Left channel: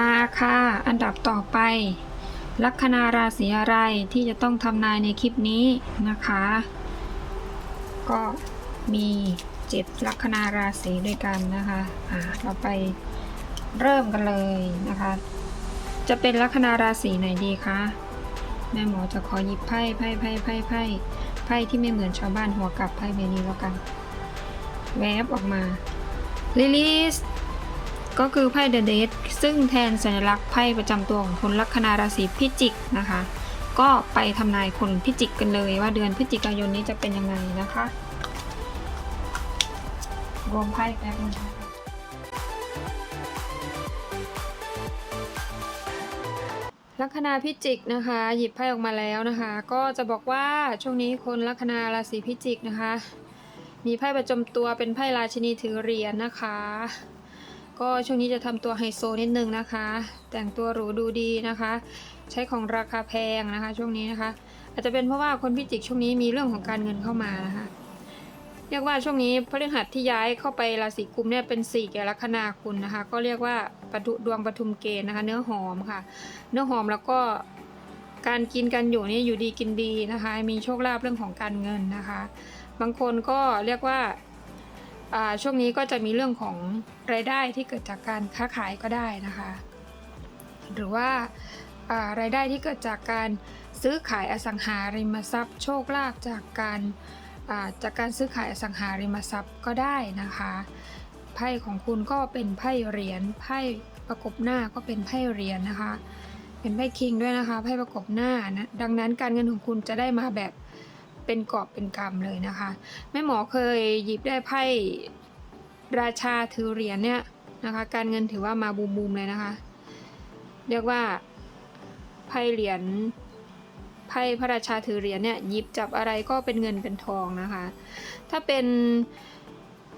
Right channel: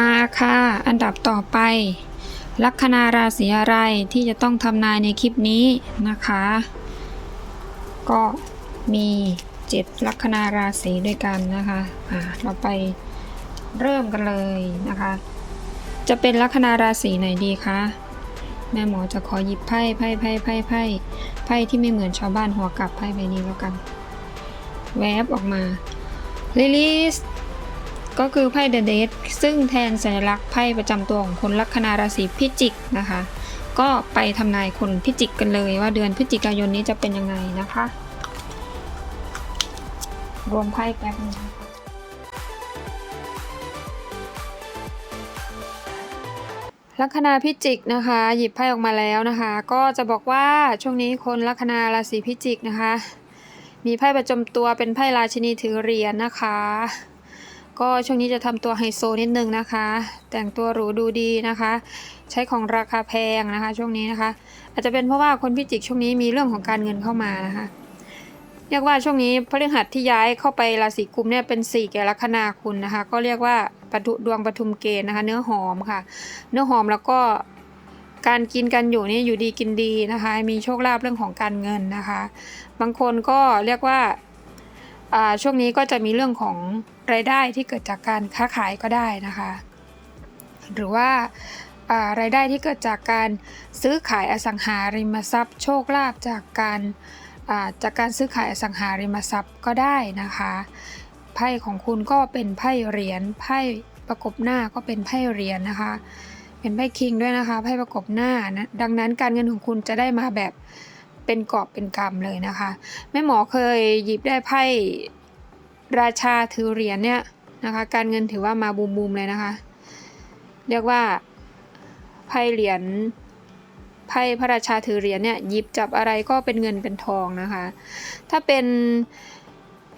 มาค่ะ อันดับต่อไป ลัคนาราศีอะไรที่จะต้องทำนายในคลิปนี้นะคะ ก็มีเจ็ดลัคนาราศีด้วยกันนะคะอ่าเราไปเริ่มกันเลยนะคะ จะเป็นลัคนาราศีไหนดีคะแม่หมอจะขอหยิบไพ่ไพ่ไพ่ไพ่ไพ่ไพ่ที่ไม่เหมือนชาวบ้านหัวกลับไพ่ใบนี้แล้วกัน แวบออกมาลิลิส ก็คือไพ่เดอะเดซึ่งแทนสัญลักษณ์ไพ่ประจำตัวของคนลัคนาราศีพิจิกนะคะ ก็ไปทำนายคนพิจิกกันเลยว่าเดือนพฤศจิกายนนี้จะเป็นยังไงนะคะ รวมไพ่แป๊บนึงลัคนาพิจิกนะคะ หยิบไพ่ออกมาแล้วนะคะ ก็จะบอกว่าช่วงนี้คนลัคนาราศีพิจิกนะคะ มีไพ่ประจำตัวเป็นไพ่ราชินีถือเหรียญนะคะ ก็ช่วงนี้จะทำตัวไฮโซนิดนึงนะคะ แต่งตัวหรูดูดีนะคะ ใช้ของราคาแพงนะคะ ช่วงนี้นะคะ อาจจะเป็นเพราะว่าคนพิจิกช่วงนี้มีเรื่องของการเงินเข้ามานะคะเรียกว่าช่วงนี้พฤหัสที่ย้ายเข้าไปราศีกุมเนี่ยเป็นสี่แก่ลัคนาคุณนะคะ ก็เรียกว่าปทุดวงปทุมเกณฑ์นะคะ เนื้อหอมค่ะ เนื้อหอมแล้วก็การกินกันอยู่นี่อยู่ดีกินดีนะคะ มีโชคลาภเรื่องของการเงินนะคะ บางคนก็เรียกว่าอ่า ช่วงนี้ก็จะมีเรื่องของรายได้ที่เกิดจากการค้าขายก็ได้นะคะ หรือว่ารายได้ที่เกิดจากการซื้อขายอสังหาริมทรัพย์ โชคลาภจากการาจากการซื้อขายอสังหาริมทรัพย์ก็ได้นะคะไพ่ของคุณก็เป็นไพ่เหรียญไพ่ประกบหน้าก็เป็นไพ่เหรียญนะคะ เป็นไพ่คิงด้วยนะคะไพ่ประกบหน้านะดังนั้นการเงินของคุณจะได้มาแบบ เป็นกอบเป็นกำเลยนะคะ แม่หมอเคยหยิบได้ไพ่ราชาถือเหรียญเนี่ยนะคะการเงินถือว่ามาบูมบูมๆเลยนะคะ เรียกว่าไพ่เหรียญไพ่พระราชาถือเหรียญเนี่ยหยิบจับอะไรก็เป็นเงินเป็นทองนะคะ ถ้าเป็น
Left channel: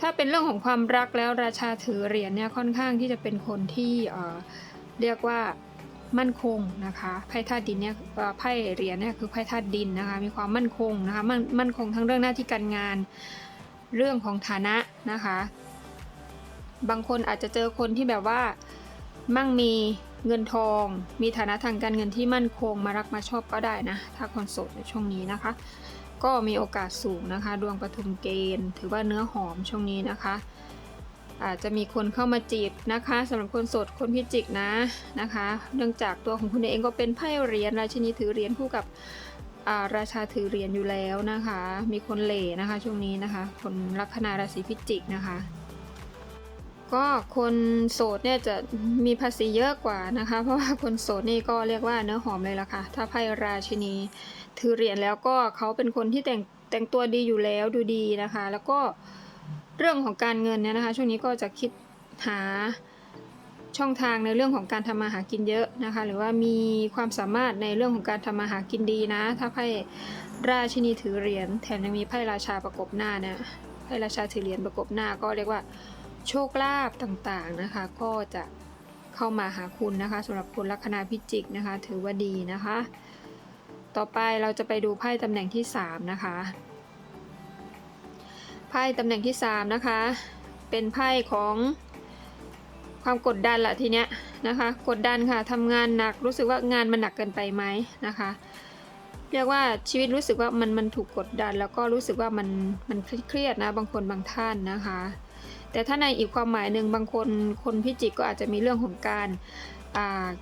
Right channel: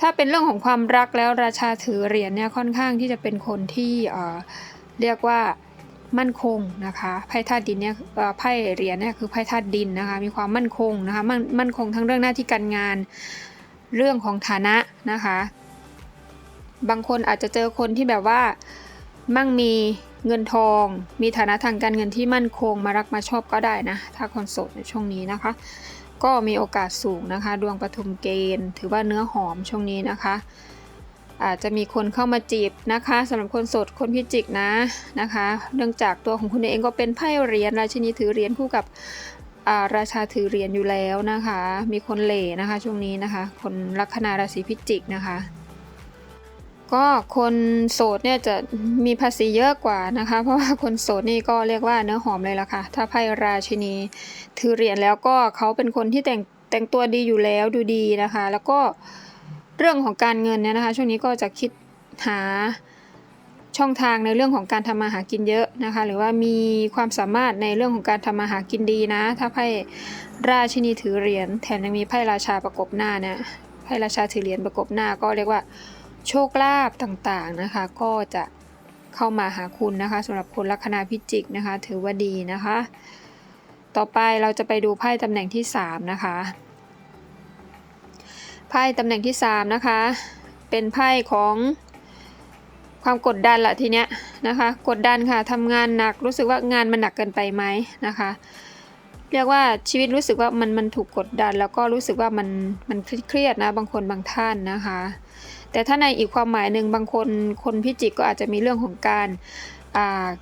ถ้าเป็นเรื่องของความรักแล้วราชาถือเหรียญเนี่ยค่อนข้างที่จะเป็นคนที่เเรียกว่า มั่นคงนะคะไพ่ธาตุดินเนี่ยไพ่เหรียญเนี่ยคือไพ่ธาตุดินนะคะมีความมั่นคงนะคะมั่นมั่นคงทั้งเรื่องหน้าที่การงาน เรื่องของฐานะนะคะ บางคนอาจจะเจอคนที่แบบว่ามั่งมีเงินทอง มีฐานะทางการเงินที่มั่นคงมารักมาชอบก็ได้นะถ้าคนโสดในช่วงนี้นะคะ ก็มีโอกาสสูงนะคะ ดวงปฐุมเกณฑ์ ถือว่าเนื้อหอมช่วงนี้นะคะ อาจจะมีคนเข้ามาจีบนะคะสำหรับคนโสดคนพิจิกนะนะคะ เนื่องจากตัวของคุณเองก็เป็นไพ่เหรียญราชินีถือเหรียญคู่กับราชาถือเหรียญอยู่แล้วนะคะ มีคนเหล่นะคะช่วงนี้นะคะ คนลัคนาราศีพิจิกนะคะก็คนโสดเนี่ยจะมีภาษีเยอะกว่านะคะ เพราะว่าคนโสดนี่ก็เรียกว่าเนื้อหอมเลยละค่ะ ถ้าไพ่ราชินีถือเหรียญแล้วก็เขาเป็นคนที่แต่งแต่งตัวดีอยู่แล้วดูดีนะคะ แล้วก็ เรื่องของการเงินเนี่ยนะคะ ช่วงนี้ก็จะคิดหาช่องทางในเรื่องของการทำมาหากินเยอะนะคะ หรือว่ามีความสามารถในเรื่องของการทำมาหากินดีนะ ถ้าไพ่ราชินีถือเหรียญแถมยังมีไพ่ราชาประกบหน้าเนี่ยไพ่ราชาถือเหรียญประกบหน้าก็เรียกว่าโชคลาภต่างๆนะคะ ก็จะเข้ามาหาคุณนะคะสำหรับคนลัคนาพิจิกนะคะ ถือว่าดีนะคะ ต่อไปเราจะไปดูไพ่ตำแหน่งที่สามนะคะ ไพ่ตำแหน่งที่สามนะคะ เป็นไพ่ของความกดดันละทีเนี้ยนะคะ กดดันค่ะทำงานหนักรู้สึกว่างานมันหนักเกินไปไหมนะคะ เรียกว่าชีวิตรู้สึกว่ามันมันถูกกดดัน แล้วก็รู้สึกว่ามันมันเครียดนะบางคนบางท่านนะคะ แต่ถ้าในอีกความหมายหนึ่งบางคนคนพิจิกก็อาจจะมีเรื่องของการ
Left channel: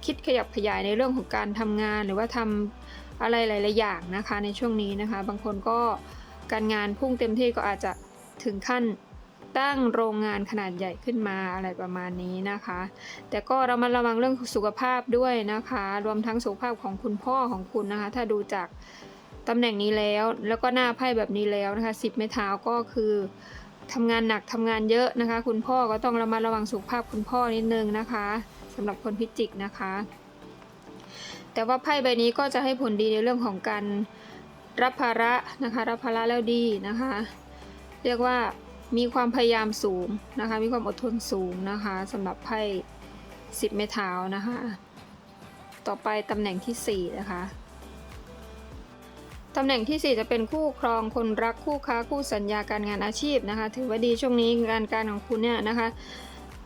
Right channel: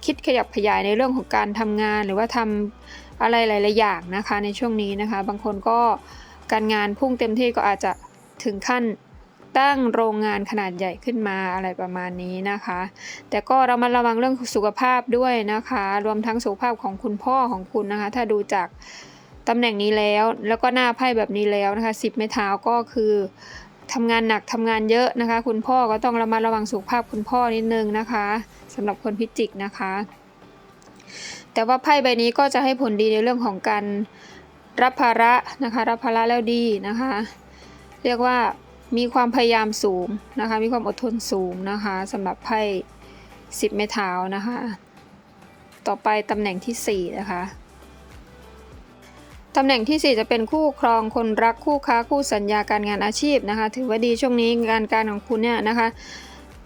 คิดขยับขยายในเรื่องของการทำงานหรือว่าทำอะไรหลาย ๆ อย่างนะคะในช่วงนี้นะคะ บางคนก็การงานพุ่งเต็มที่ก็อาจจะ ถึงขั้นตั้งโรงงานขนาดใหญ่ขึ้นมาอะไรประมาณนี้นะคะ แต่ก็เรามาระวังเรื่องสุขภาพด้วยนะคะ รวมทั้งสุขภาพของคุณพ่อของคุณนะคะ ถ้าดูจากตำแหน่งนี้แล้ว แล้วก็หน้าไพ่แบบนี้แล้วนะคะสิบไม้เท้าก็คือทำงานหนักทำงานเยอะนะคะ คุณพ่อก็ต้องระมัดระวังสุขภาพคุณพ่อนิดนึงนะคะสำหรับคนพิจิกนะคะ แต่ว่าไพ่ใบนี้ก็จะให้ผลดีในเรื่องของการรับภาระนะคะ รับภาระแล้วดีนะคะ เรียกว่ามีความพยายามสูงนะคะ มีความอดทนสูงนะคะสำหรับไพ่สิบไม้เท้านะคะ ต่อไปตำแหน่งที่สี่นะคะตำแหน่งที่สี่จะเป็นคู่ครองคนรักคู่ค้าคู่สัญญาการงานอาชีพนะคะ ถือว่าดีช่วงนี้งานการของคุณเนี่ยนะคะ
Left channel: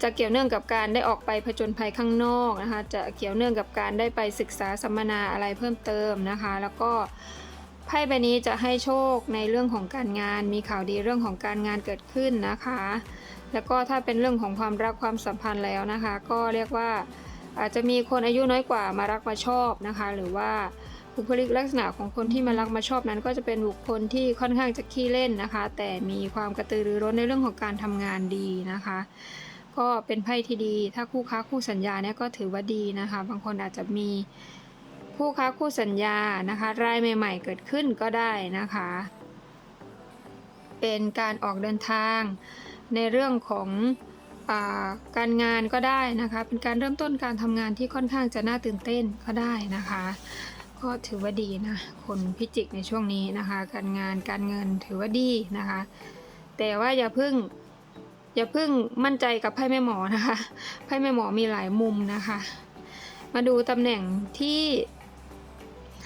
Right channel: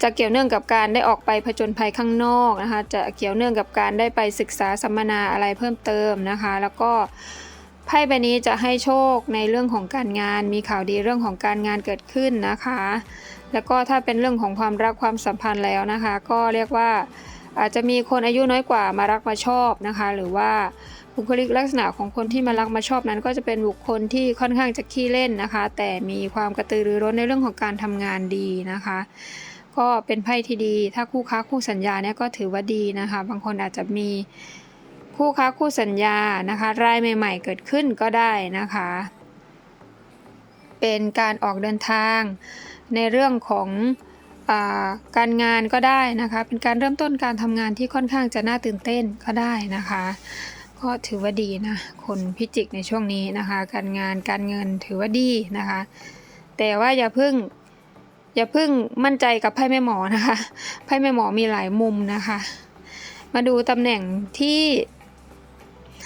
จะเกี่ยวเนื่องกับการได้ออกไปผจญภัยข้างนอกนะคะ จะเกี่ยวเนื่องกับการได้ไปศึกษาสัมมนาอะไรเพิ่มเติมนะคะ แล้วก็ ไพ่ใบนี้จะให้โชคในเรื่องของการงาน มีข่าวดีเรื่องของการงานเกิดขึ้นนะคะ แล้วก็ถ้าเป็นเรื่องของความรักความสัมพันธ์แล้วนะคะ ก็เรียกว่าอาจจะมีคนอายุน้อยกว่ามารักมาชอบนะคะ หรือว่าบุคลิกลักษณะของคนที่มารักมาชอบนั้น ก็จะเป็นบุคคลที่ค่อนข้างจะขี้เล่นนะคะ แต่มีความกระตือรือร้นในเรื่องของการทำงานดีนะคะ ก็เป็นไพ่ที่ดี ถ้าคู่ค้าคู่สัญญาเนี่ยก็ถือว่าดีนะคะ บางคนอาจจะมี คู่ค้าคู่สัญญานะคะรายใหม่ ๆ เกิดขึ้นก็ได้นะคะ เป็นการออกเดินทางในเรื่องของอการงานก็ได้นะคะ เป็นการเริ่มต้นการทำงานที่ค่อนข้างจะน่าตื่นเต้นก็ได้นะคะ ก็ถือว่าดีนะคนพิจิกในช่วงนี้นะคะ การงานการเงินถือว่าดีนะคะ แต่ว่าอย่าเพิ่งอย่าเพิ่งมั่นใจกับไพ่แม่หมอนะคะ ไพ่แม่หมอมีหลายมุมนะคะ มาดูตำแหน่งที่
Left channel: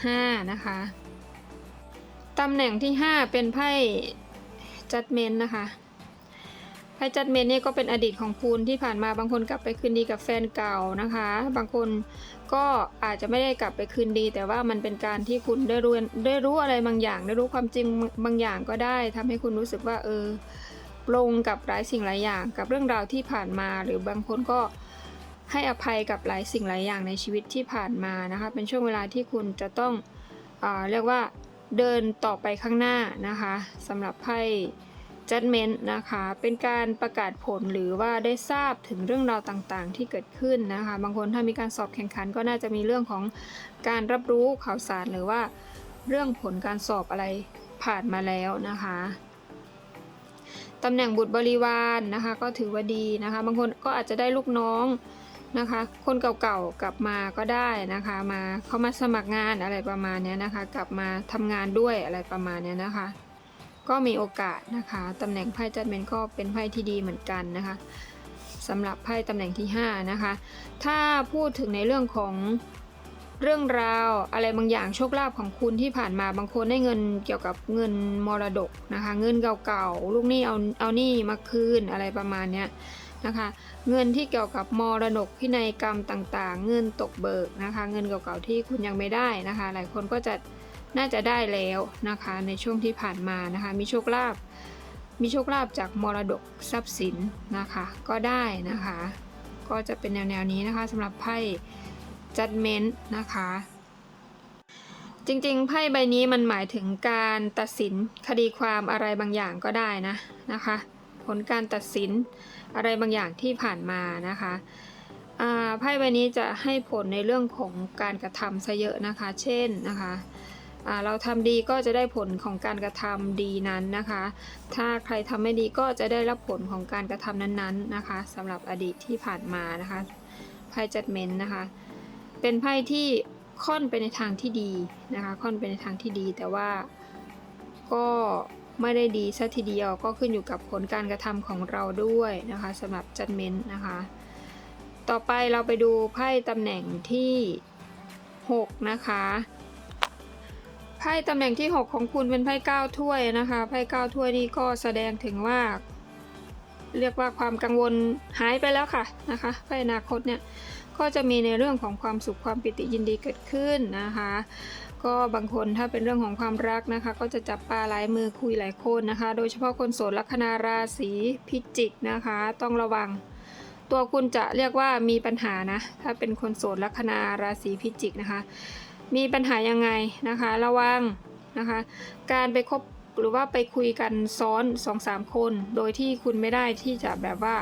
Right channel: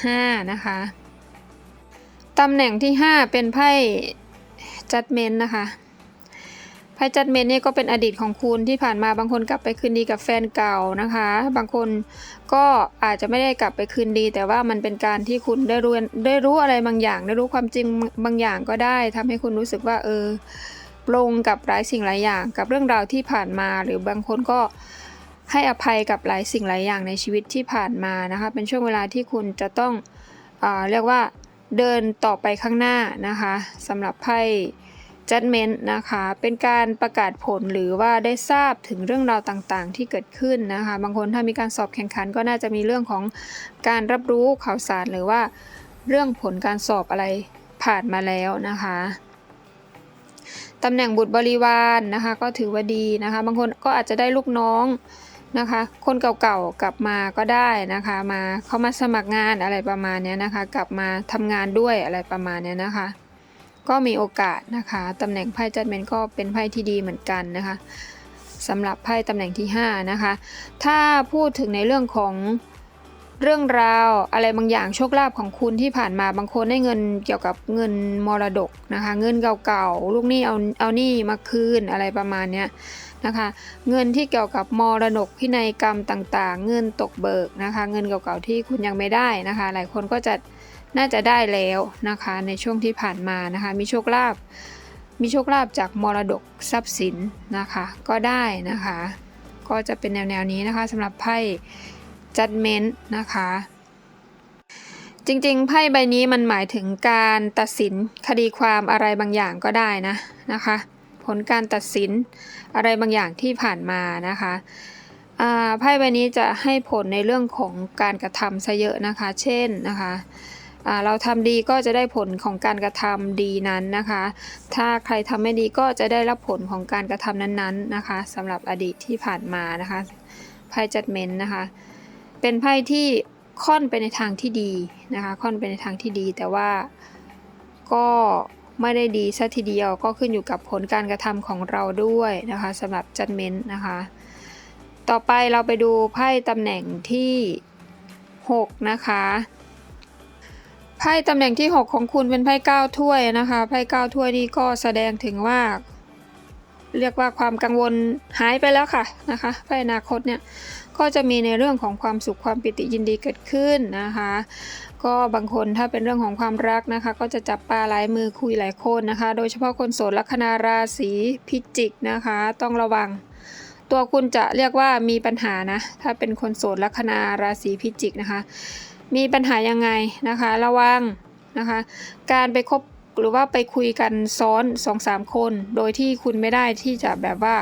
5 นะคะ ตำแหน่งที่ 5 เป็นไพ่จัดเมนนะคะ ไพ่จัดเมนนี่ก็เป็นอดีตของคุณที่ผ่านมาบางคนกลับไปคืนดีกับแฟนเก่านะคะ บางคนก็อาจจะไม่ได้กลับไปคืนดี แต่ว่ามันเป็นการที่คุณได้รู้ได้รู้อะไรบางอย่าง ได้รู้ความจริงบางอย่างก็ได้ทำให้คุณรู้สึกว่าเออปลงกับหลายสิ่งหลายอย่าง กับเรื่องราวที่ผ่านมาหรือบางคนก็ ให้อภัยกับหลายสิ่งหลายอย่างในชีวิตที่ผ่านมานะคะ เป็นช่วงเวลาที่คุณจะต้องอเรียกว่าเดินต่อไปข้างหน้านะคะสำหรับไพ่ judgment นะคะ เป็นการประกาศผลหรือว่าได้ทราบถึงเรื่องราวต่างๆ ที่เกิดขึ้นนะคะ บางคนถ้ามีการสอบแข่งขันก็น่าจะมีเรื่องของการรับรู้ข่าวสารหรือว่าเรื่องผลการสอบอะไรผ่านมาแล้วนะคะตำแหน่งบุตรบริวารนนะคะก็ถือว่าดีนะคะ บางคนก็อาจจะได้ลูกน้อง นะคะ คนเก่าๆกลับมาก็ได้นะคะ มาเขามาสมัครงานอะไรประมาณนี้นะคะ กลับมาทำงานด้วยอะไรประมาณนี้นะคะ ก็มีโอกาสนะคะตำแหน่งไพ่จัดเมนก็เป็นไพ่ที่ดีเหมือนกันนะคะสำหรับไพ่ตำแหน่งที่ 5 นะคะ ถ้าพูดถึงในเรื่องของเรื่องราวอะไรบางอย่างโชคลาภของคุณที่ผ่านมาบางคนได้เงินเกี่ยวกับเงินมรดกนะคะ เงินเก่าๆลูกหนี้เอาเอาหนี้มาคืนอะไรประมาณเนี้ย นะคะเงินที่เกี่ยวกับมรดกพินัยกรรมต่างๆ เงินตกเบิกนะคะเงินเก่าๆที่คุณยังไม่ได้นะคะ หลายคนก็จะน่าจะได้แล้วนะคะในช่วงที่ผ่านมานะคะมีโชคลาภมีโชคลาภจากมรดกทรัพย์สินนะคะก็ได้นะคะ ก็จะเป็นแนวๆนี้นะคะสำหรับไพ่ judgment นะคะจริงๆ ไพ่ใบนี้มันหมายถึงการตัดสินคดีความอะไรบางอย่างก็ได้นะนะคะ ลการตัดสินอะไรบางอย่างที่ผ่านมานะคะไพ่ใบนี้จะให้ผลในเรื่องของการกระทำซะเยอะนะคะ เช่นนะคะเราทำดีก็จะได้ผลของการกระทำดีนั้นนะคะ ถ้าใครทำไม่ดีก็จะได้รับผลของการกระทำนั้นๆนะคะสำหรับอดีตที่ผ่านมานะคะไพ่ judgment นะคะ เป็นไพ่ที่ค่อนไปในทางที่ดีนะคะ ค่อนไปในทางที่ดีแต่ว่าก็ ไม่ได้ดีซะทีเดียวก็ขึ้นอยู่กับผลการกระทำของเราด้วยนะคะสำหรับจัดเมนต์นะคะ ต่อไปเราไปดูไพ่ตำแหน่งที่ 6 นะคะไพ่ตำแหน่งที่ 6 ของคุณเป็นไพ่9ถ้วยนะคะไพ่9ถ้วยนี่ก็แสดงถึงว่า เรียกว่าความกังวลหายไปแล้วค่ะนะคะไพ่อนาคตเนี่ยก็จะมีในเรื่องของความสุขความปิติยินดีเกิดขึ้นนะคะ ก็บางคนถ้าเป็นเรื่องของความรักนะคะ ก็จะจับปลาหลายมือคุยหลายคนนะคะ โดยเฉพาะคนโสดลัคนาราศีพิจิกนะคะ ต้องระวัง ตัวคุณจะเรียกว่ามีปัญหานะ ถ้าเป็นคนโสดลัคนาราศีพิจิกนะคะ มีปัญหายังไงนะคะ ระวังนะคะ การไปคบหรือว่าไปคุยกันซ้อน2อสามคน โดยที่คุณไม่ได้ที่จะแบบว่า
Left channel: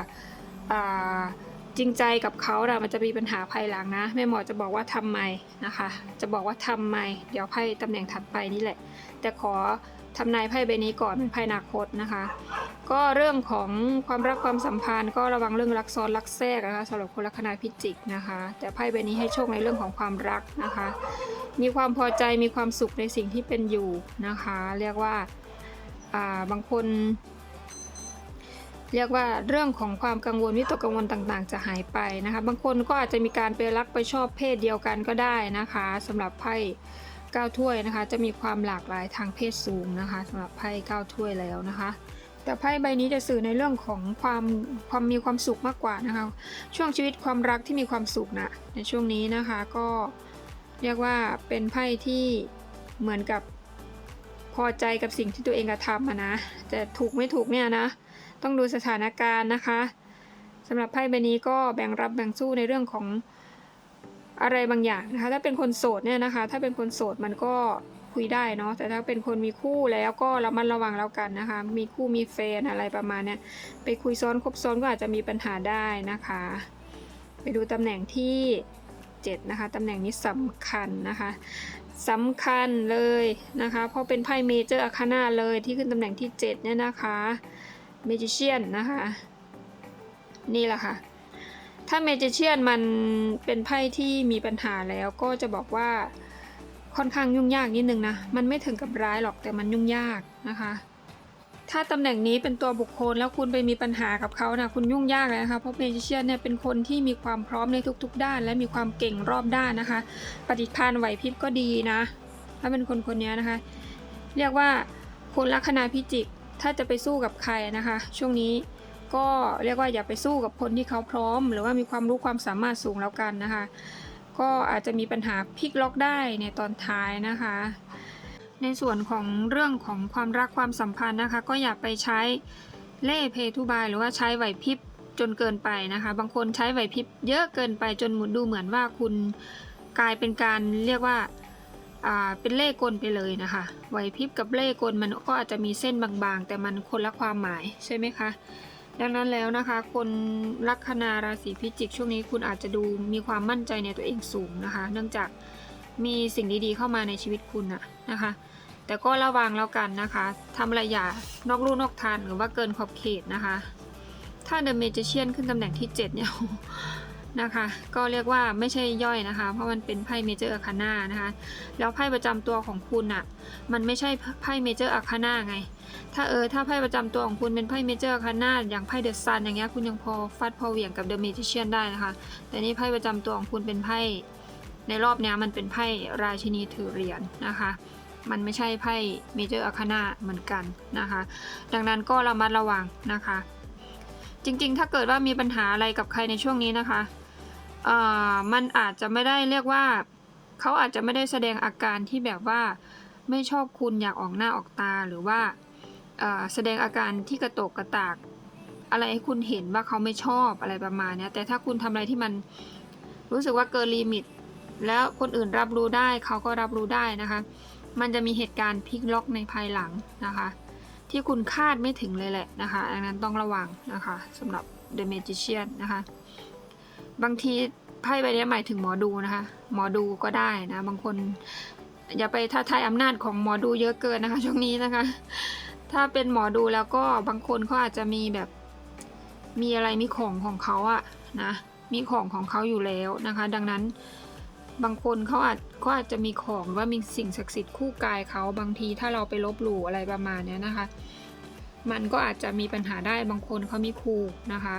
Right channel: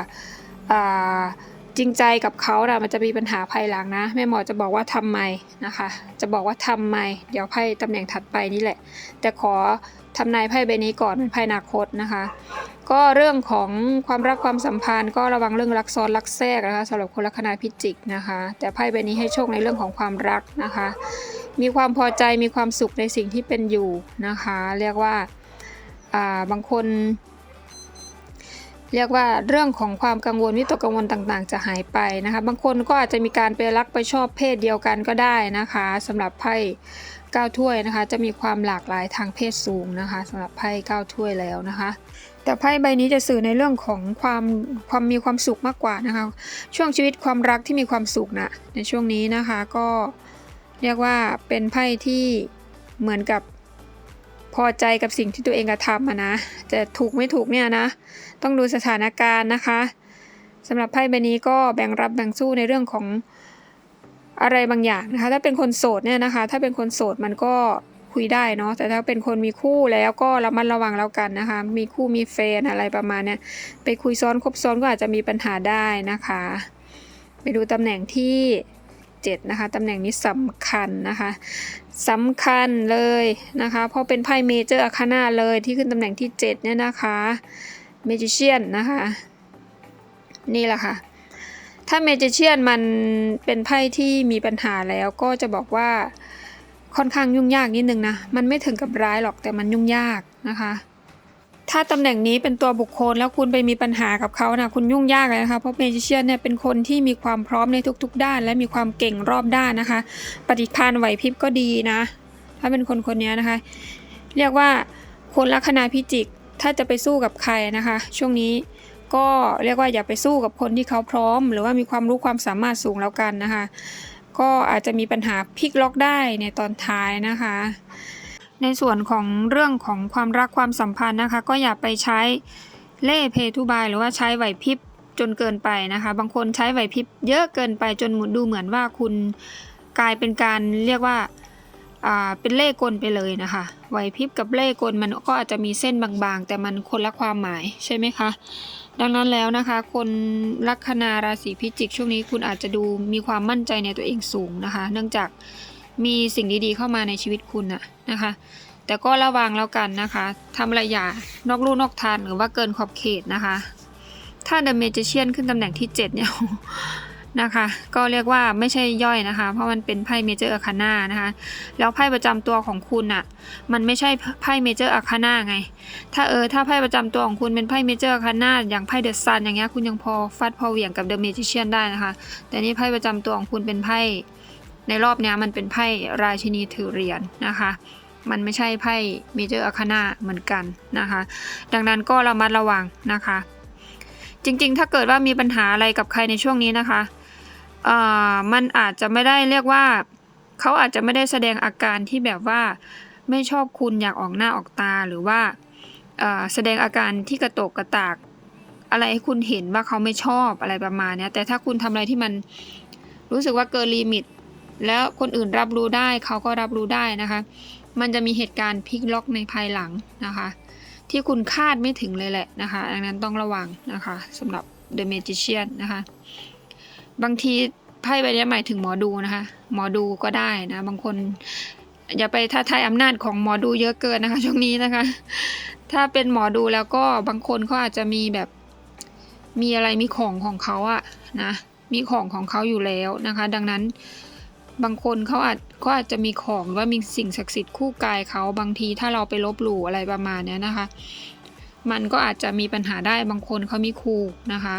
อ่า จริงใจกับเขานะมันจะมีปัญหาภายหลังนะ แม่หมอจะบอกว่าทำไมนะคะ จะบอกว่าทำไม เดี๋ยวไพ่ตำแหน่งถัดไปนี่แหละ แต่ขอทำนายไพ่ใบนี้ก่อนเป็นไพ่นาคตนะคะ ก็เรื่องของความรักความสัมพันธ์ก็ระวังเรื่องรักซ้อนรักแทรกนะคะสำหรับคนลัคนาพิจิกนะคะ แต่ไพ่ใบนี้ให้โชคในเรื่องของความรักนะคะ มีความพอใจมีความสุขในสิ่งที่เป็นอยู่นะคะ เรียกว่าอ่าบางคน เรียกว่าเรื่องของความกังวลวิตกกังวลต่างๆ จะหายไปนะคะ บางคนก็อาจจะมีการไปรักไปชอบเพศเดียวกันก็ได้นะคะสำหรับไพ่เก้าถ้วยนะคะ จะมีความหลากหลายทางเพศสูงนะคะสำหรับไพ่เก้าถ้วยแล้วนะคะแต่ไพ่ใบนี้จะสื่อในเรื่องของความความมีความสุขมากกว่านะคะ ช่วงชีวิตความรักที่มีความสุขนะในช่วงนี้นะคะก็เรียกว่าเป็นไพ่ที่เหมือนกับพอใจกับสิ่งที่ตัวเองกระทำนะจะถูกไม่ถูกเนี่ยนะ ต้องดูสถานการณ์นะคะสำหรับไพ่ใบนี้ก็แบ่งรับแบ่งสู้ในเรื่องของอะไรบางอย่างนะคะ ถ้าเป็นคนโสดเนี่ยนะคะ ถ้าเป็นคนโสดมันก็คุยได้เนาะแต่ถ้าเป็นคนมีคู่แล้วก็ระมัดระวังแล้วกันนะคะ มีคู่มีแฟนอะไรประมาณเนี้ยไปคุยซ้อนคบซ้อนก็อาจจะมีปัญหาได้นะคะ ไปดูตำแหน่งที่ 7 นะคะตำแหน่งนี้สำคัญนะคะสำคัญเลยนะคะ เพราะเป็นไพ่เมเจอร์อาคานาเลยที่ขึ้นตำแหน่งที่ 7 เนี่ยนะคะ เมจิเชียนนะคะ นี่แหละค่ะ ถ้าเมจิเชียนมันเป็นไพ่ที่มีปัญหาแล้วก็จะบอกว่าค่อนข้างยุ่งยากนิดนึงนะ มันไม่ถึงกับร้ายหรอกแต่มันยุ่งยากนะคะ ถ้าตำแหน่งนี้เป็นตัวบุคคลแล้วคุณไปมีปัญหากับเขานะคุณยุ่งยากเลยนะคะเพราะเมจิเชียนเนี่ยเป็นคนที่มีความพร้อมในทุก ๆ ด้าน และมีความเก่งรอบด้านนะคะ ปฏิภาณไหวพริบก็ดีนะ ถ้าเป็นคนคนนี้นะคะ เรียกว่าคนลัคนาพิจิก ถ้าจะไปสู้กับใครนะคะ ช่วงนี้ก็เรียกว่าอย่าไปสู้กับคนที่เขาพร้อม หรือว่ามีความรู้ความสามารถสูงแล้วกันนะคะ ก็อาจจะมีปัญหาพลิกล็อกได้ในตอนท้ายนะคะ ในส่วนของเรื่องของความรักความสัมพันธ์นะคะ ก็อย่าไปใช้เล่เพทุบาย หรือว่าใช้ไหวพริบจนเกินไปนะคะ บางคนใช้ไหวพริบเยอะเกินไปจนดูเหมือนว่าคุณกลายเป็นการเรียกว่า เป็นเล่กลไปเลยนะคะไหวพริบกับเล่กลมันก็อาจจะมีเส้นบางๆ แต่มันคนละความหมายใช่ไหมคะ ดังนั้นแล้วนะคะ คนลัคนาราศีพิจิก ช่วงนี้คุณอาจจะดูมีความมั่นใจในตัวเองสูงนะคะ เนื่องจากมีสิ่งดีๆ เข้ามาในชีวิตคุณน่ะนะคะ แต่ก็ระวังแล้วกันนะคะทำอะไรอย่านอกลู่นอกทางหรือว่าเกินขอบเขตนะคะ ถ้าเดอะเมจิเชียนขึ้นตำแหน่งที่ 7 เนี่ย นะคะ ก็เรียกว่าไม่ใช่ย่อยนะคะ เพราะมันเป็นไพ่เมเจอร์อาคาน่านะคะ แล้วไพ่ประจำตัวของคุณอะ มันไม่ใช่ไพ่เมเจอร์อาคาน่าไง ถ้าเออ ถ้าไพ่ประจำตัวของคุณเป็นไพ่เมเจอร์อาคาน่าอย่างไพ่เดอะซันอย่างเงี้ย คุณยังพอฟัดพอเหวี่ยงกับเดอะเมจิเชียนได้นะคะ แต่นี่ไพ่ประจำตัวของคุณเป็นไพ่ ในรอบเนี้ยมันเป็นไพ่ราชินีถือเหรียญนะคะมันไม่ใช่ไพ่เมเจอร์อาคาน่าเหมือนกันนะคะ ดังนั้นก็ระมัดระวังนะคะ จริงๆ ถ้าเกิดว่ามีปัญหาอะไรกับใครในช่วงนี้นะคะ อ่อมันอาจจะไม่ได้เรียกว่า เขาอาจจะไม่ได้แสดงอาการที่แบบว่าไม่ชอบคุณอยากออกหน้าออกตาหรือว่าแสดงอาการที่กระโตกกระตาก อะไรให้คุณเห็นว่าเขาไม่ชอบอะไรประมาณนี้แต่ถ้าคุณทำอะไรที่มันรู้สึกว่าเกินลิมิต แล้วคนอื่นรับรู้ได้เขาก็รับรู้ได้นะคะ มันจะมีเหตุการณ์พลิกล็อกในภายหลังนะคะ ที่คุณคาดไม่ถึงเลยแหละนะคะ ดังนั้นต้องระวังนะคะสำหรับ The Magician นะคะ บางทีไพ่ใบนี้หมายถึงหมอดูนะคะ หมอดูก็ได้นะ บางคน อย่าไปท้าทายอำนาจของหมอดูเยอะเกินนะคะ ช่วงนี้นะคะ ถ้าเป็นหมอดูแล้วก็บางคนเขาอาจจะมีแบบมีอะไรมีของของเขาอะนะมีของของเขาอยู่แล้วนะคะ ดังนั้นบางคนเขาอาจก็อาจจะมีของว่ามีสิ่งศักดิ์สิทธิ์คู่กายเขาบางทีถ้าเราไปลบหลู่อะไรประมาณนี้นะคะ มันก็อาจจะมีปัญหาได้บางคนเขามีครูนะคะ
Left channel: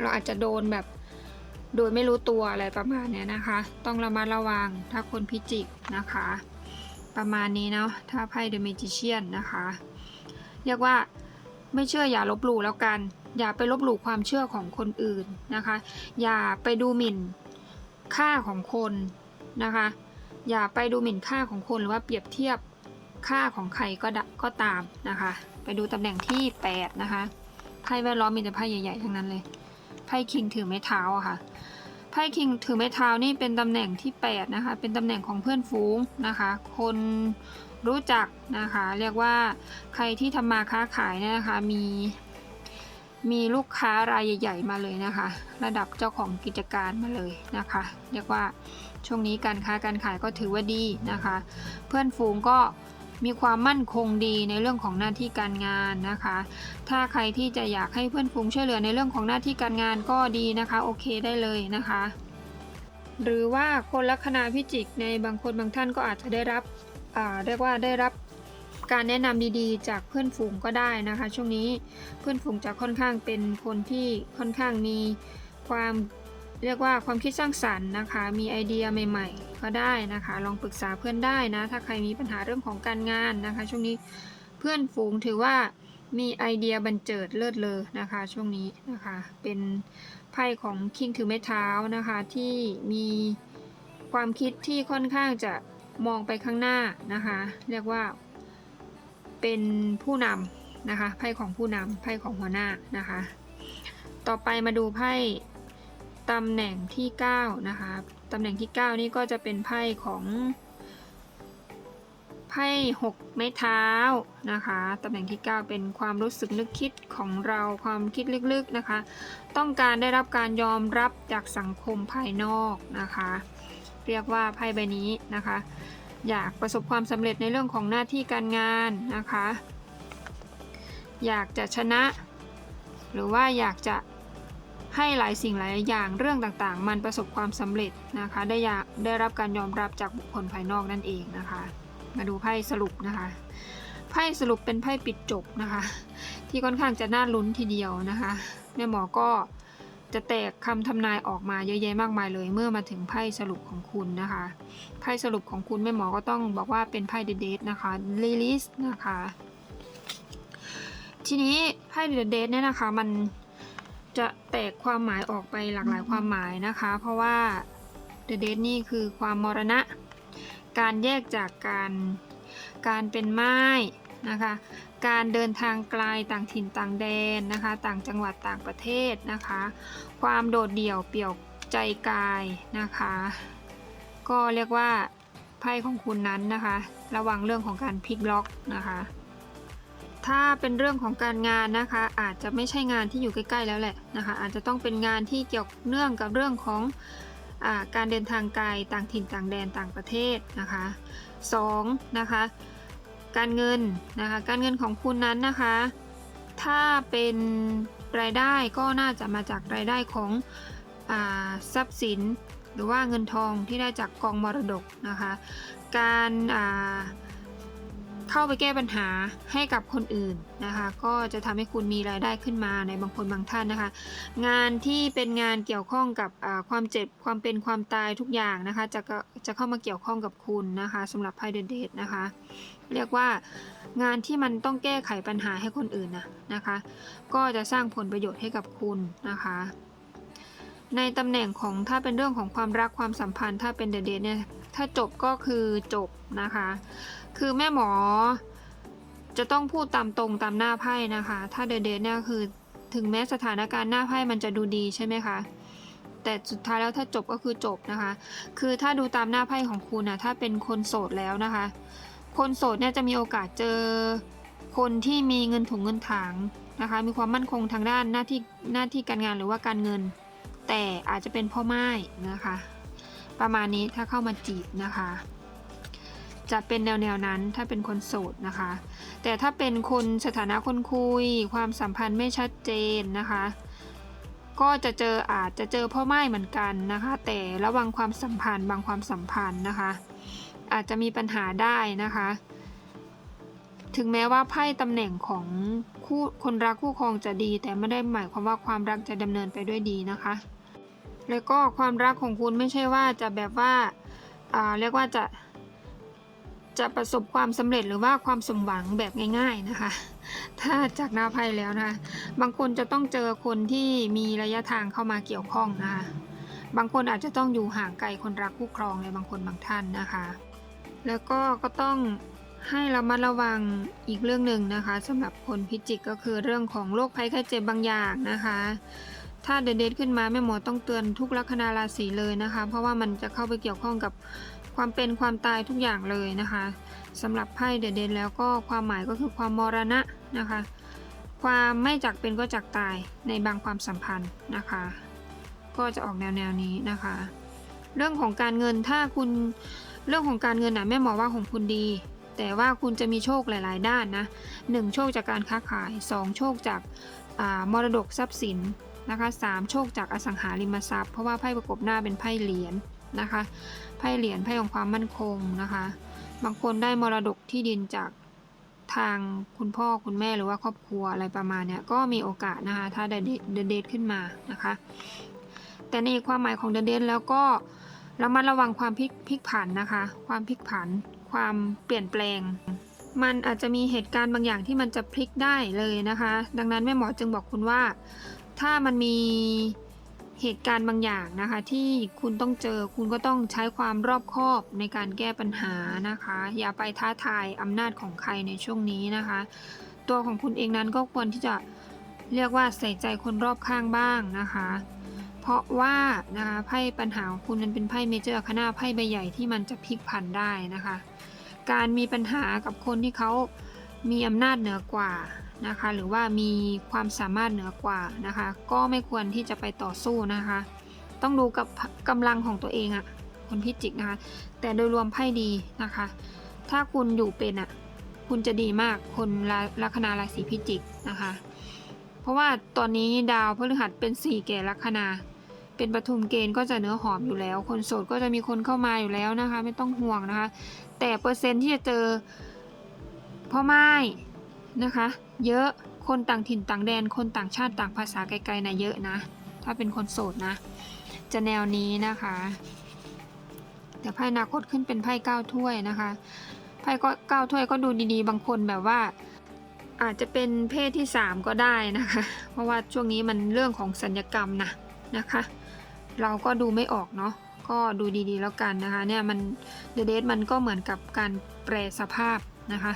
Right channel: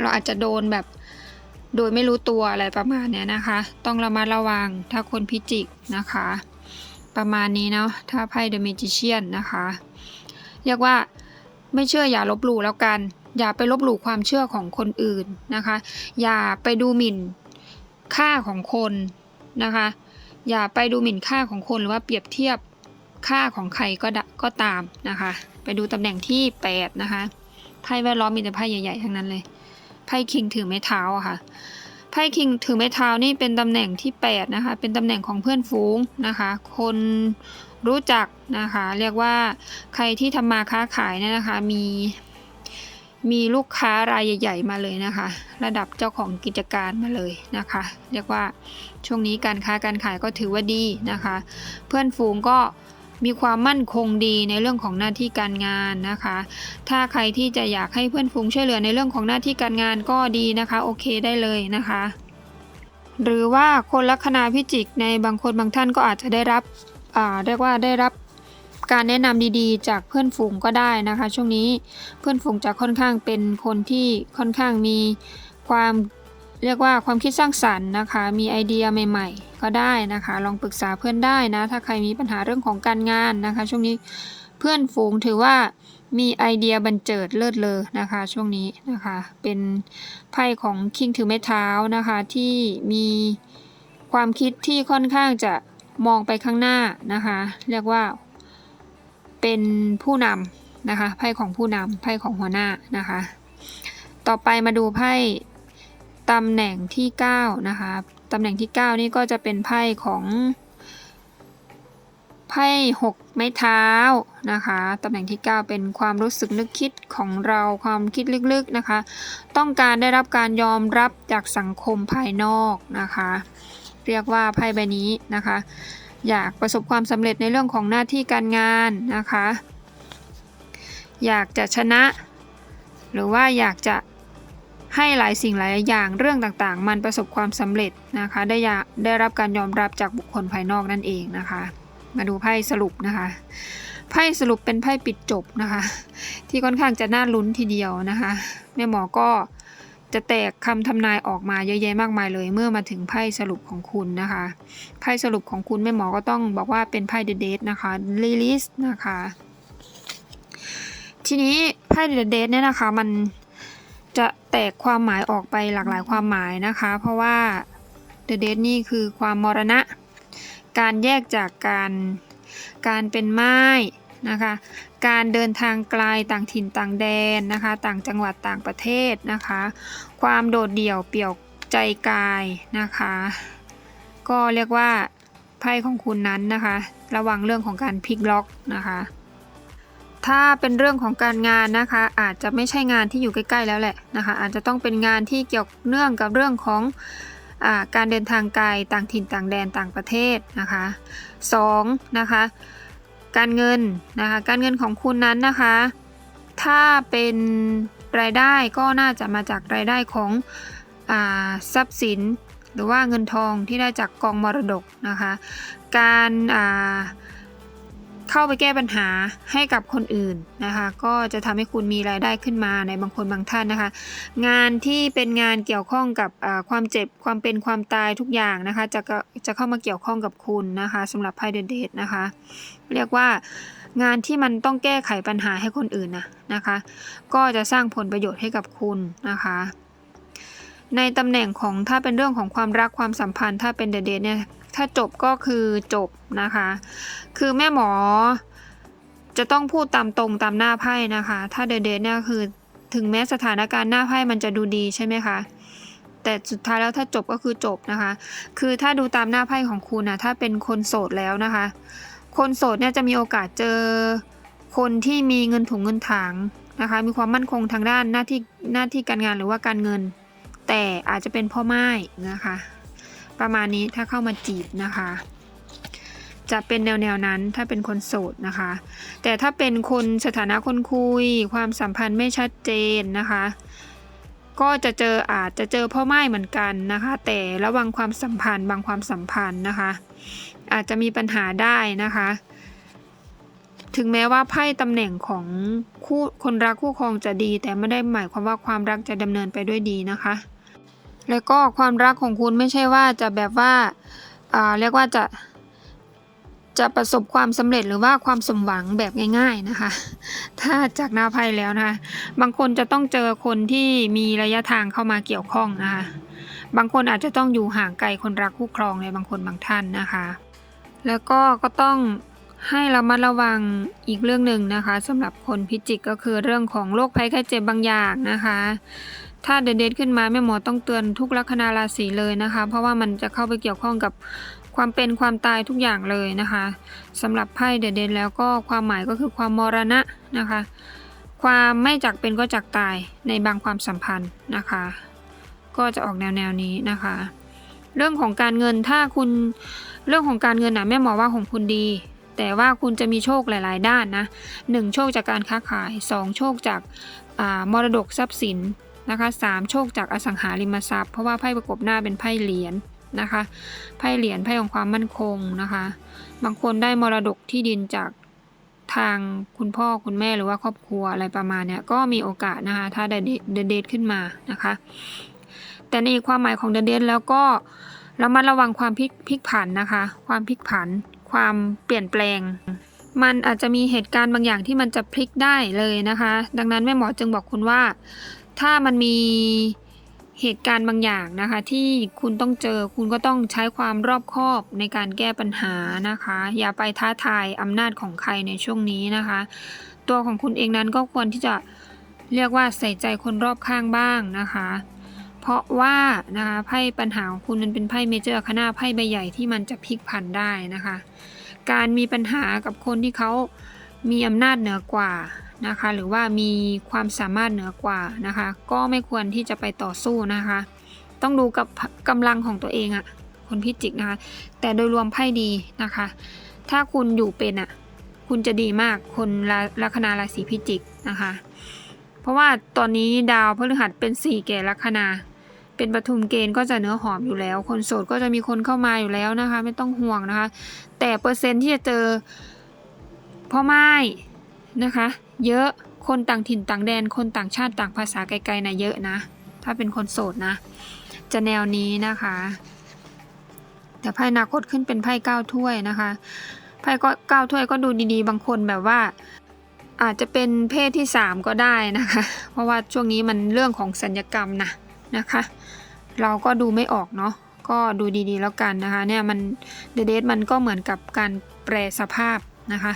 เราอาจจะโดนแบบ โดยไม่รู้ตัวอะไรประมาณเนี้ยนะคะ ต้องระมัดระวังถ้าคนพิจิกนะคะ ประมาณนี้เนาะถ้าไพ่ The Magician นะคะ เรียกว่าไม่เชื่ออย่าลบหลู่แล้วกัน อย่าไปลบหลู่ความเชื่อของคนอื่นนะคะ อย่าไปดูหมิ่นค่าของคนนะคะ อย่าไปดูหมิ่นค่าของคนหรือว่าเปรียบเทียบค่าของใครก็ดก็ตามนะคะ ไปดูตำแหน่งที่ 8 นะคะไพ่แวดล้อมมีแต่ไพ่ใหญ่ๆทั้งนั้นเลย ไพ่คิงถือไม้เท้าอะค่ะไพ่คิงถือไม้เท้านี่เป็นตำแหน่งที่ 8 นะคะ เป็นตำแหน่งของเพื่อนฝูงนะคะ คนรู้จักนะคะ เรียกว่าใครที่ทำมาค้าขายเนี่ยนะคะ มีมีลูกค้ารายใหญ่ ๆ มาเลยนะคะ ระดับเจ้าของกิจการมาเลยนะคะ เรียกว่าช่วงนี้การค้าการขายก็ถือว่าดีนะคะ เพื่อนฝูงก็ มีความมั่นคงดีในเรื่องของหน้าที่การงานนะคะ ถ้าใครที่จะอยากให้เพื่อนฝูงช่วยเหลือในเรื่องของหน้าที่การงานก็ดีนะคะ โอเคได้เลยนะคะ หรือว่าคนลัคนาพิจิกในบางคนบางท่านก็อาจจะได้รับเรียกว่าได้รับการแนะนำดีๆ จากเพื่อนฝูงก็ได้นะคะ ช่วงนี้เพื่อนฝูงจะค่อนข้างเป็นคนที่ค่อนข้างมีความ เรียกว่าความคิดสร้างสรรค์นะคะ มีไอเดียใหม่ ๆ ก็ได้นะคะ ลองปรึกษาเพื่อนได้นะ ถ้าใครมีปัญหาเรื่องของการงานนะคะ ช่วงนี้เพื่อนฝูงถือว่ามีไอเดียบันเจิดเลิศเลอนะคะ ช่วงนี้นะคะ เป็นไพ่ของคิงถือไม้เท้านะคะที่มีความคิดที่ค่อนข้างจะมองไปข้างหน้านะคะ เรียกว่าเป็นผู้นำนะคะไพ่ของผู้นำไพ่ของหัวหน้านะคะ ต่อไปมาดูไพ่ ตำแหน่งที่ 9 นะคะ ตำแหน่งที่ 9 นี่ก็จะเป็นไพ่ของ ไพ่หกไม้เท้านะคะ ตำแหน่งที่ 9 เป็นความรู้สึกนึกคิดของเราความคิดลึกๆนะคะ ต้องการได้รับการยอมรับจากสังคมภายนอกนะคะ เรียกว่าไพ่ใบนี้นะคะ อยากประสบความสำเร็จในเรื่องของหน้าที่การงานนะคะ อยากจะชนะ หรือว่าอยากจะ ให้หลายสิ่งหลายอย่างเรื่องต่างๆ มันประสบความสำเร็จนะคะ ได้ได้รับการยอมรับจากบุคคลภายนอกนั่นเองนะคะ มาดูไพ่สรุปนะคะไพ่สรุปเป็นไพ่ปิดจบนะคะ ที่ค่อนข้างจะน่าลุ้นทีเดียวนะคะแม่หมอก็จะแตกคำทำนายออกมาเยอะแยะมากมายเลย เมื่อมาถึงไพ่สรุปของคุณนะคะไพ่สรุปของคุณแม่หมอก็ต้องบอกว่าเป็นไพ่เดทนะคะลิลิสนะคะ ทีนี้ไพ่เดทเนี่ยนะคะมัน จะแตกความหมายออกไปหลากหลายความหมายนะคะ เพราะว่าเดทนี่คือความมรณะ การแยกจากการการเป็นไม้นะคะ การเดินทางไกลต่างถิ่นต่างแดนนะคะ ต่างจังหวัดต่างประเทศนะคะ ความโดดเดี่ยวเปี่ยวใจกายนะคะ ก็เรียกว่าไพ่ของคุณนั้นนะคะ ระวังเรื่องของการพลิกล็อกนะคะ ถ้าเป็นเรื่องของการงานนะคะ อาจจะไม่ใช่งานที่อยู่ใกล้ ๆ แล้วแหละนะคะ อาจจะต้องเป็นงานที่เกี่ยวเนื่องกับเรื่องของอการเดินทางไกลต่างถิ่นต่างแดนต่างประเทศนะคะ2นะคะ การเงินนะคะ การเงินของคุณนั้นนะคะ ถ้าเป็นรายได้ก็น่าจะมาจากรายได้ของอทรัพย์สิน หรือว่าเงินทองที่ได้จากกองมรดกนะคะ การอ่า เข้าไปแก้ปัญหาให้กับคนอื่นนะคะ ก็จะทำให้คุณมีรายได้ขึ้นมาในบางคนบางท่านนะคะ งานที่เป็นงานเกี่ยวข้องกับความเจ็บความเป็นความตายทุกอย่างนะคะ จะจะเข้ามาเกี่ยวข้องกับคุณนะคะสำหรับไพ่เดเดทนะคะ เรียกว่างานที่มันต้องแก้ไขปัญหาให้คนอื่นนะนะคะ ก็จะสร้างผลประโยชน์ให้กับคุณนะคะในตำแหน่งของถ้าเป็นเรื่องของความรักความสัมพันธ์ถ้าเป็นเดเดเนี่ย ถ้าจบก็คือจบนะคะ คือแม่หมอจะต้องพูดตามตรงตามหน้าไพ่นะคะ ถ้าเดเดเนี่ยคือถึงแม้สถานการณ์หน้าไพ่มันจะดูดีใช่ไหมคะ แต่สุดท้ายแล้วถ้าจบก็คือจบนะคะ คือถ้าดูตามหน้าไพ่ของคุณนะถ้าเป็นคนโสดแล้วนะคะ คนโสดเนี่ยจะมีโอกาสเจอคนที่มีเงินถุงเงินถังนะคะ มีความมั่นคงทางด้านหน้าที่หน้าที่การงานหรือว่าการเงิน แต่อาจจะเป็นพ่อไม้นะคะ ประมาณนี้ถ้าเข้ามาจีบนะคะ จะเป็นแนวแนวนั้นถ้าเป็นคนโสดนะคะ แต่ถ้าเป็นคนสถานะคนคุย ความสัมพันธ์ไม่ชัดเจนนะคะ ก็จะเจออาจจะเจอพ่อไม้เหมือนกันนะคะ แต่ระวังความสัมพันธ์บางความสัมพันธ์นะคะ อาจจะมีปัญหาได้นะคะถึงแม้ว่าไพ่ตำแหน่งของคู่คนรักคู่ครองจะดี แต่ไม่ได้หมายความว่าความรักจะดำเนินไปด้วยดีนะคะ แล้วก็ความรักของคุณไม่ใช่ว่าจะแบบว่าเรียกว่าจะจะประสบความสำเร็จหรือว่าความสมหวังแบบง่าย ๆนะคะ ถ้าจากนาไพ่แล้วนะคะ บางคนจะต้องเจอคนที่มีระยะทางเข้ามาเกี่ยวข้องนะคะ บางคนอาจจะต้องอยู่ห่างไกลคนรักคู่ครองในบางคนบางท่านนะคะ แล้วก็ก็ต้องให้ระมัดระวังอีกเรื่องหนึ่งนะคะสำหรับคนพิจิกก็คือเรื่องของโรคภัยไข้เจ็บบางอย่างนะคะ ถ้าเด็ดๆขึ้นมาแม่หมอต้องเตือนทุกลัคนาราศีเลยนะคะ เพราะว่ามันจะเข้าไปเกี่ยวข้องกับความเป็นความตายทุกอย่างเลยนะคะสำหรับไพ่เด็ดๆแล้วก็ความหมายก็คือความมรณะนะคะ ความไม่จากเป็นก็จากตายในบางความสัมพันธ์นะคะ ก็จะออกแนวแนวนี้นะคะ เรื่องของการเงินถ้าคุณเรื่องของการเงินนะแม่หมอว่าของคุณดี แต่ว่าคุณจะมีโชคหลาย ๆ ด้านนะหนึ่งโชคจากการค้าขายสองโชคจากอามรดกทรัพย์สิน นะคะสามโชคจากอสังหาริมทรัพย์ เพราะว่าไพ่ประกบหน้าเป็นไพ่เหรียญนะคะไพ่เหรียญไพ่ของความมั่นคงนะคะ บางคนได้มรดกที่ดินจากทางคุณพ่อคุณแม่หรือว่าครอบครัวอะไรประมาณเนี้ยก็มีโอกาสนะคะถ้าได้เดทขึ้นมานะคะ แต่ในความหมายของเดเดนแล้วก็เระมัดระวังความพลิกพลิกผันนะคะ ความพลิกผัน ความเปลี่ยนแปลง มันอาจจะมีเหตุการณ์บางอย่างที่มันจะพลิกได้เลยนะคะ ดังนั้นแม่หมอจึงบอกคุณว่า ถ้ามันมีเหตุการณ์บางอย่างนะคะ ที่คุณต้องเจอคุณก็ต้องใช้ความรอบคอบในการแก้ปัญหานะคะ อย่าไปท้าทายอำนาจของใครในช่วงนี้นะคะ ตัวของคุณเองนั้นก็ควรที่จะเรียกว่าใส่ใจคนรอบข้างบ้างนะคะ เพราะว่านะคะไพ่ปัญหาของคุณมันเป็นไพ่เมเจอร์คณะไพ่ใบใหญ่ที่มันจะพลิกผันได้นะคะ การมีปัญหากับคนที่เขามีอำนาจเหนือกว่า นะคะ หรือว่ามีความสามารถเหนือกว่านะคะ ก็ไม่ควรที่จะไปต่อสู้นะคะ ต้องดูกับกำลังของตัวเองอะคนพิจิกนะคะ แต่โดยรวมไพ่ดีนะคะ ถ้าคุณอยู่เป็นอะคุณจะดีมากคนละลัคนาราศีพิจิกนะคะ เพราะว่าตอนนี้ดาวพฤหัสเป็นสี่แก่ลัคนาเป็นปทุมเกณฑ์ก็จะเนื้อหอมอยู่แล้ว คนโสดก็จะมีคนเข้ามาอยู่แล้วนะคะ ไม่ต้องห่วงนะคะ แต่เปอร์เซ็นต์ที่จะเจอพ่อไม้นะคะ เยอะ คนต่างถิ่นต่างแดน คนต่างชาติต่างภาษาไกลๆนะเยอะนะ ถ้าเป็นคนโสดนะ จะแนวนี้นะคะ แต่ไพ่นาคตขึ้นเป็นไพ่เก้าถ้วยนะคะไพ่ก็เก้าถ้วยก็ดูดีๆ บางคนแบบว่า อาจจะเป็นเพศที่สามก็ได้นะคะ เพราะว่าช่วงนี้มันเรื่องของสัญญกรรมนะนะคะ เราก็ดูไม่ออกเนาะก็ดูดีๆแล้วกันนะคะเนี่ยมันเดเดมันก็เหมือนกับการแปรสภาพ นะคะ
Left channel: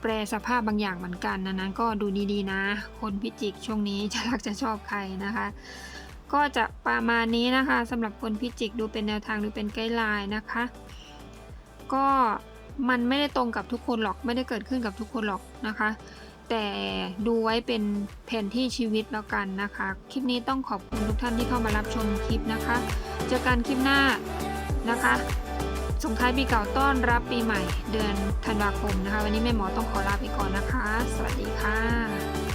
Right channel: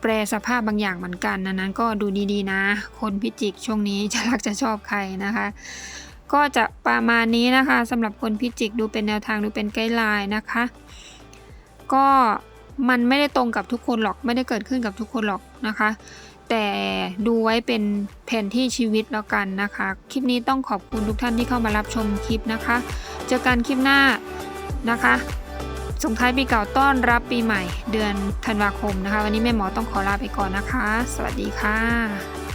แปรสภาพบางอย่างเหมือนกันนั้นก็ดูดีๆนะ คนพิจิกช่วงนี้จะรักจะชอบใครนะคะ ก็จะประมาณนี้นะคะสำหรับคนพิจิกดูเป็นแนวทางดูเป็นไกด์ไลน์นะคะ ก็มันไม่ได้ตรงกับทุกคนหรอกไม่ได้เกิดขึ้นกับทุกคนหรอกนะคะ แต่ดูไว้เป็นแผนที่ชีวิตแล้วกันนะคะ คลิปนี้ต้องขอบคุณทุกท่านที่เข้ามารับชมคลิปนะคะ เจอกันคลิปหน้านะคะ ส่งท้ายปีเก่าต้อนรับปีใหม่ เดือนธันวาคมนะคะ วันนี้แม่หมอต้องขอลาไปก่อนนะคะ สวัสดีค่ะ